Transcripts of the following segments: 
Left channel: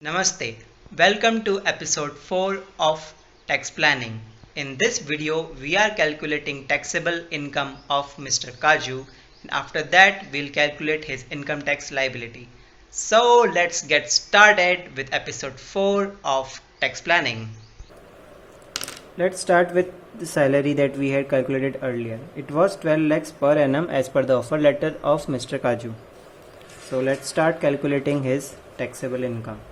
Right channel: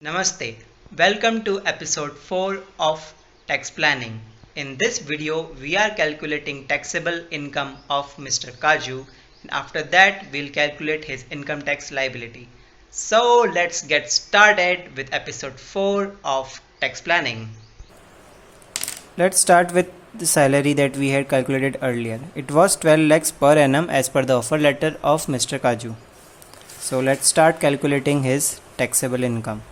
Namaste. Welcome to episode 4 of Tax Planning. In this video, we are calculating taxable income of Mr. Kaju. And after that, we'll calculate his income tax liability. So let's get started with episode 4 of Tax Planning. Let's start with the salary that we had calculated earlier. It was 12 lakhs per annum as per the offer letter of Mr. Kaju. So let's start calculating his taxable income.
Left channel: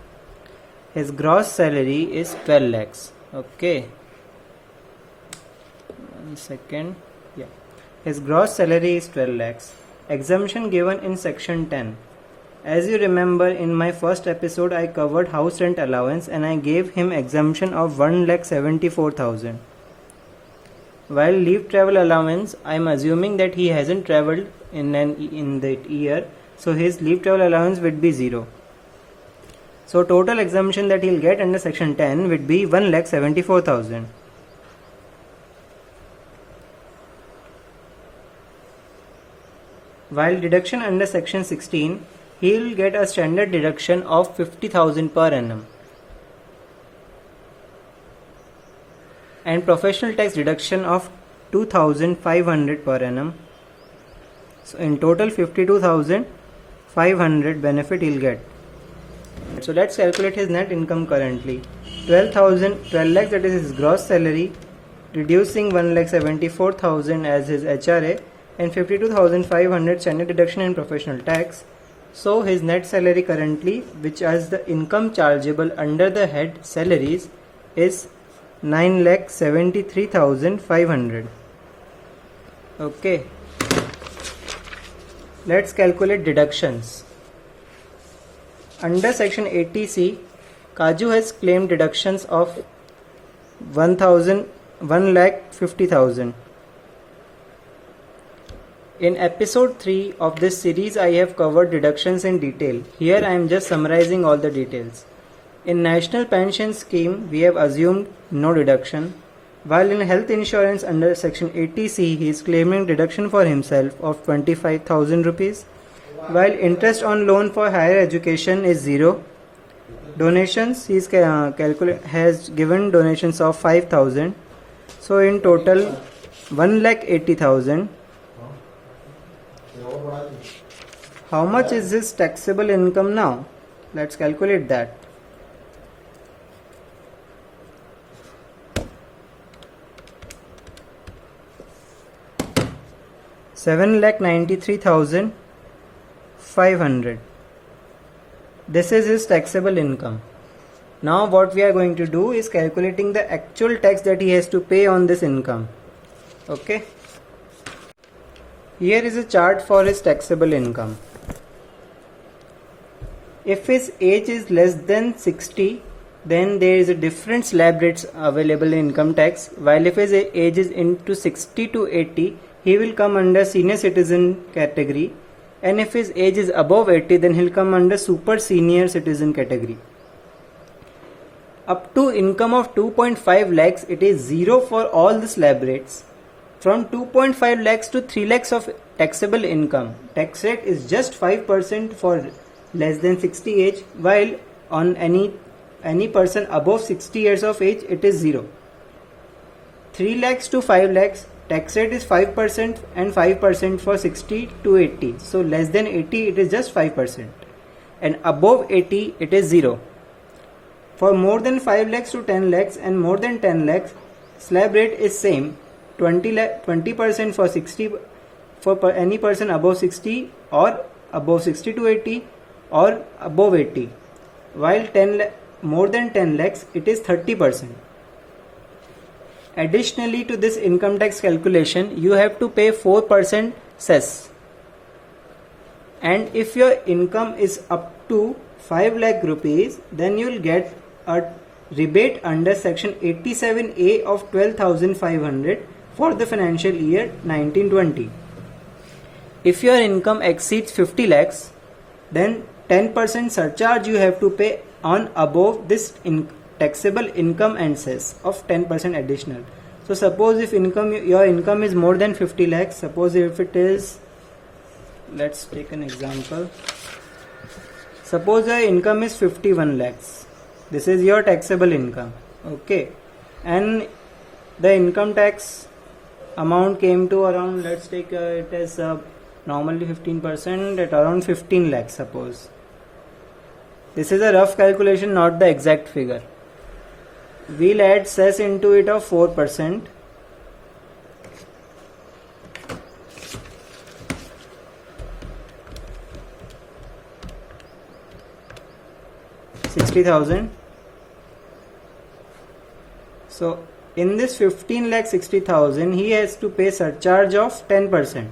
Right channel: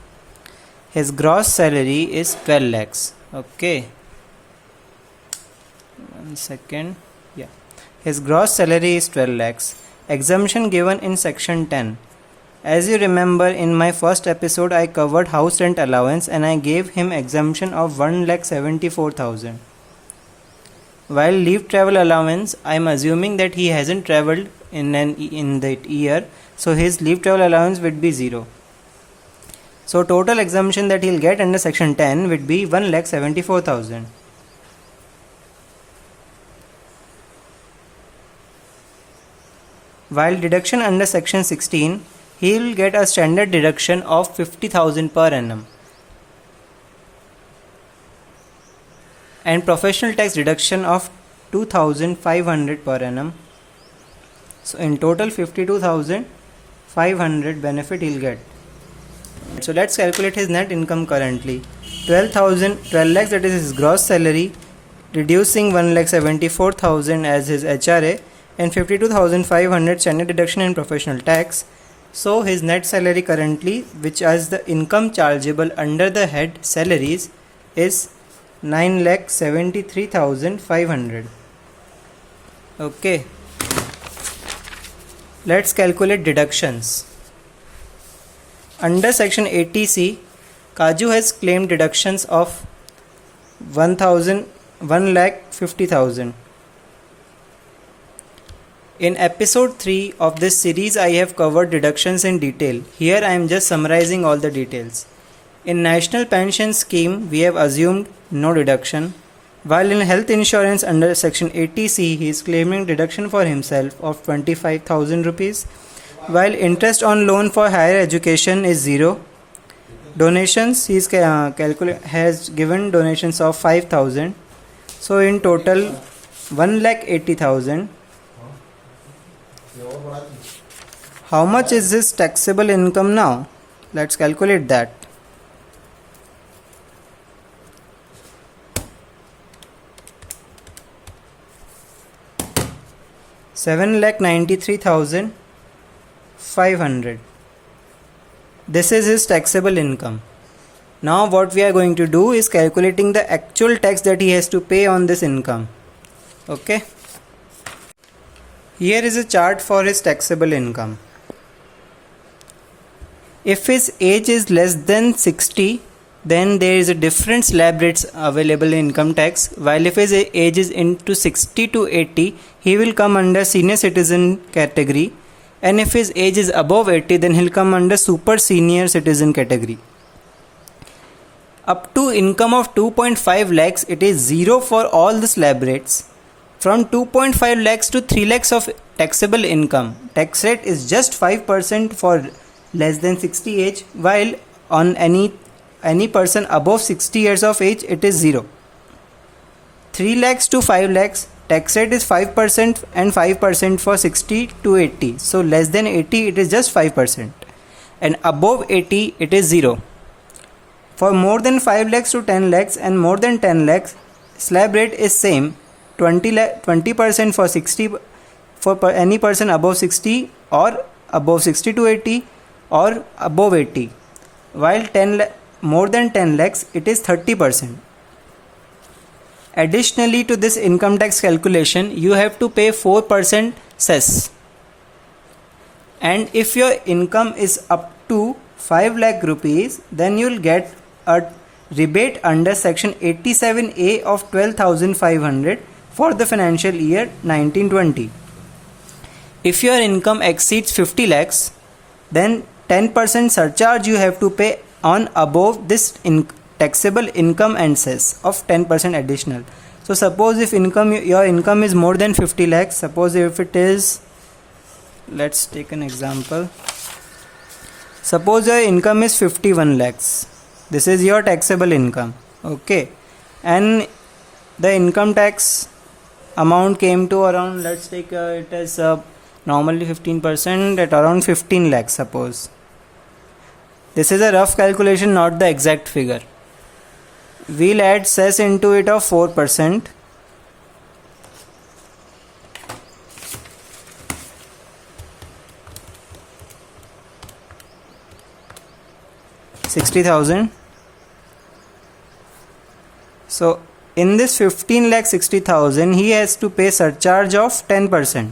His gross salary is 12 lakhs. Okay. 1 second. Yeah. His gross salary is 12 lakhs. Exemption given in section 10. As you remember, in my first episode I covered house rent allowance and I gave him exemption of 1,74,000. While leave travel allowance, I am assuming that he hasn't traveled in that year, so his leave travel allowance would be 0. So total exemption that he'll get under section 10 would be 1,74,000. While deduction under section 16, he will get a standard deduction of 50,000 per annum and professional tax deduction of 2,500 per annum. So in total 52,500 benefit he'll get. So let's calculate his net income currently. 12 lakhs, that is his gross salary, reducing 1,74,000 as his HRA and 52,500 standard deduction and professional tax. So his net salary currently, which is the income chargeable under the head salaries, is 9,73,500. Okay. Let's calculate deductions. Under section 80C, Kaju has claimed deductions of 1,50,000. In episode 3 of this series, I have covered deductions in detail. Here I am just summarizing all the details. In National Pension Scheme, we have assumed no deduction. While in health insurance under section 80C, he is claiming deduction for himself of 25,000 rupees. While interest on loan for higher education is 0. Donations, he has given donations of 5,000. So in total, 1,80,000. How much is this taxable income now? Let's calculate that. $7,93,500. This is his taxable income. Now what we are going to do is calculating the actual tax that he has to pay on this income. Okay. Here is a chart for his taxable income. If his age is less than 60, then there is a different slab rates available in income tax, while if his age is into 60 to 80, he will come under senior citizen category, and if his age is above 80, then he'll come under super senior citizen category. Up to income of 2.5 lakhs, it is 0 for all the slab rates. From 2.5 lakhs to 3 lakhs of taxable income, tax rate is just 5% for less than 60 age, while on any person above 60 years of age, it is 0. 3 lakhs to 5 lakhs, tax rate is 5% and 5% for 60 to 80. So less than 80, it is just 5%. And above 80, it is 0. For more than 5 lakhs to 10 lakhs and more than 10 lakhs, slab rate is same. 20% for 60 for any person above 60 or above 60 to 80 or above 80. While more than 10 lakhs, it is 30%. Additionally to this income tax calculation, you have to pay 4% cess. And if your income is up to 5 lakh rupees, then you will get a rebate under section 87A of 12,500 for the financial year 1920. If your income exceeds 50 lakhs, then 10% surcharge you have to pay on above this taxable income and cess of 10% additional. So suppose if your income is more than 50 lakhs, suppose if it is, let's take an example, Suppose your income is 51 lakhs. This is your taxable income. Okay. And the income tax amount came to around, let's take it as normally 15% at around 15 lakhs suppose. This is a rough calculation, not the exact figure. We'll add cess into it of 4%. $60,000. So in this 15 lakh 60,000, he has to pay surcharge of 10%,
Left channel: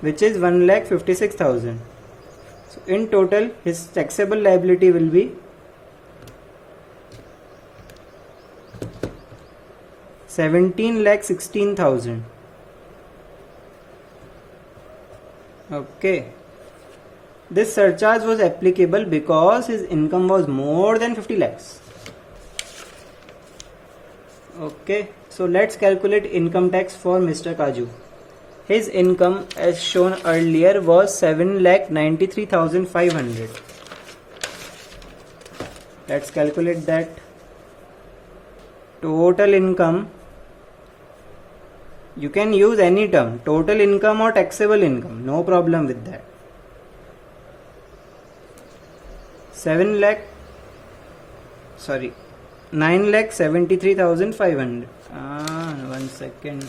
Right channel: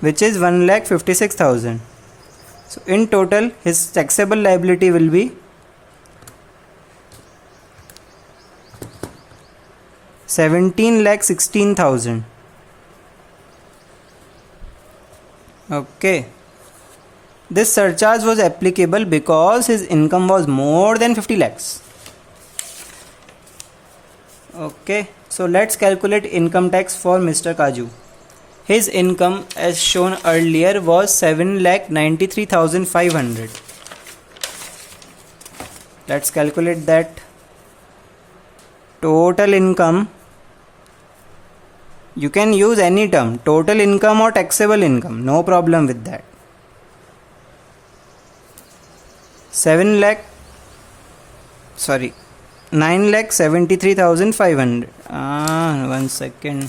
which is 1 lakh 56,000. So in total, his taxable liability will be 17 lakh 16,000. Okay. This surcharge was applicable because his income was more than 50 lakhs. Okay, so let's calculate income tax for Mr. Kaju. His income, as shown earlier, was 7,93,500. Let's calculate that. Total income, you can use any term, total income or taxable income, no problem with that. 9,73,500. One second.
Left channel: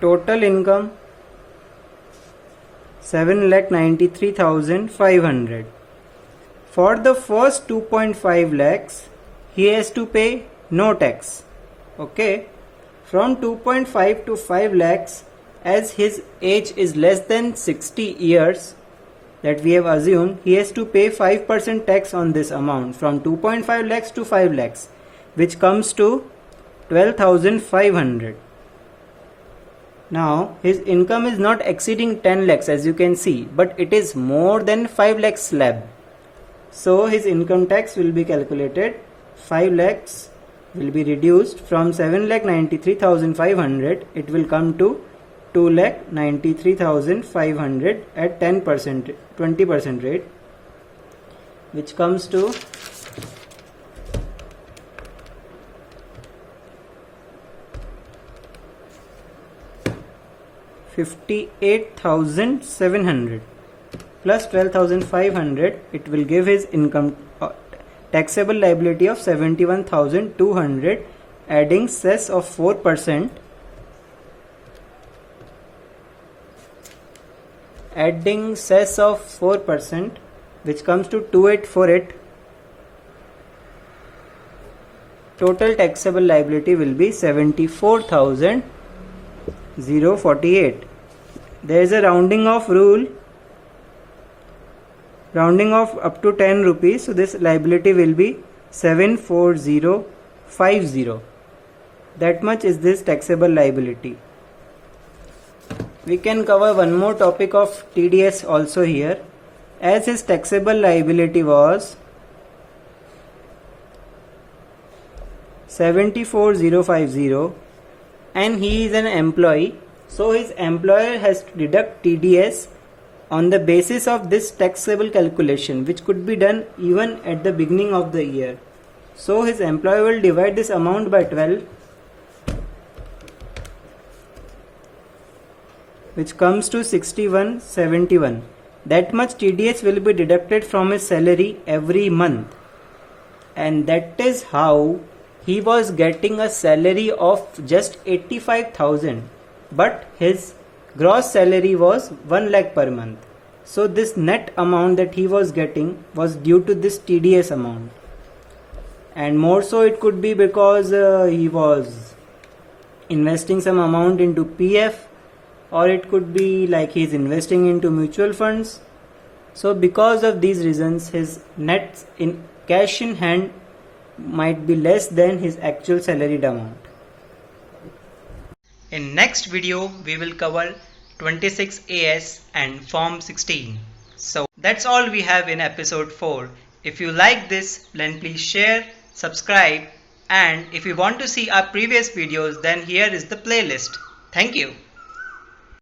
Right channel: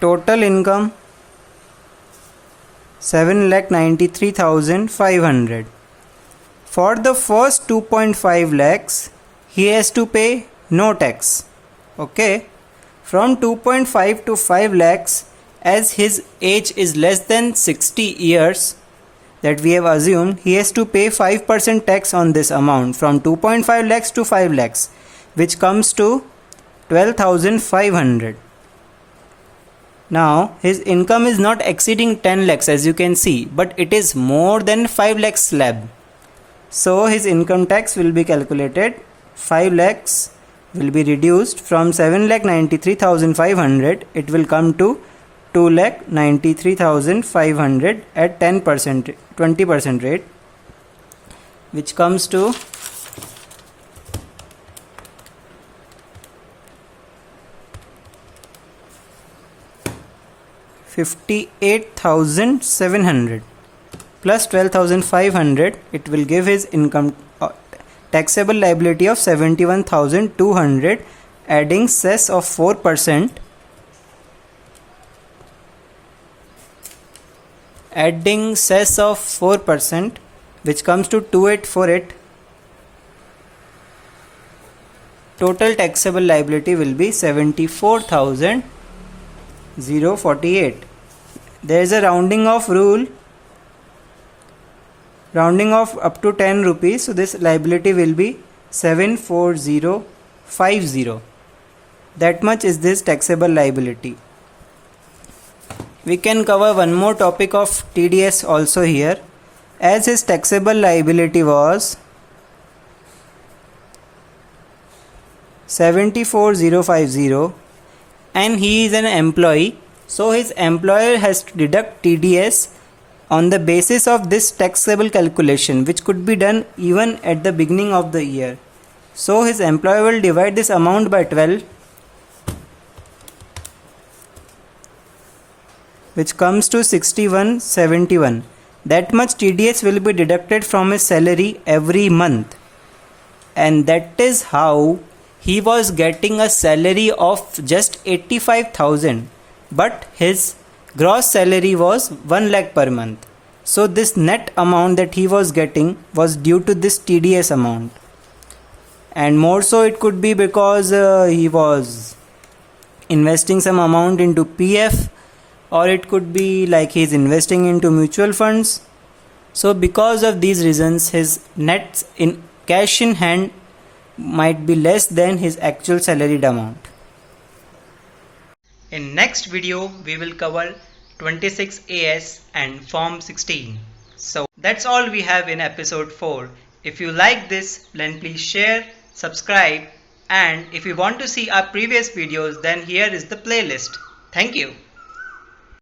Total income 7,93,500. For the first 2.5 lakhs, he has to pay no tax. Okay. From 2.5 to 5 lakhs, as his age is less than 60 years that we have assumed, he has to pay 5% tax on this amount from 2.5 lakhs to 5 lakhs, which comes to 12,500. Now his income is not exceeding 10 lakhs as you can see, but it is more than 5 lakhs slab. So his income tax will be calculated. 5 lakhs will be reduced from 7,93,500. It will come to 2,93,500 at 20% rate, which comes to 58,700 plus 12,500. It will give his income taxable liability of 71,200, adding cess of 4%. Adding cess of 4%, which comes to 2848. Total taxable liability will be 74,048. There is a rounding off rule, rounding off up to 10 rupees, so this liability will be 74050. That much is this taxable liability. We can cover one more topic of TDS also here, as his taxable liability was 74050 and he is an employee, so his employer has to deduct TDS on the basis of this taxable calculation, which could be done even at the beginning of the year. So his employer will divide this amount by 12, which comes to 6171. That much TDS will be deducted from his salary every month, and that is how he was getting a salary of just 85,000, but his gross salary was 1 lakh per month. So this net amount that he was getting was due to this TDS amount, and more so it could be because he was investing some amount into PF, or it could be like he's investing into mutual funds. So because of these reasons, his net in cash in hand might be less than his actual salaried amount. In next video, we will cover 26AS and Form 16. So that's all we have in episode 4. If you like this, then please share, subscribe, and if you want to see our previous videos, then here is the playlist. Thank you.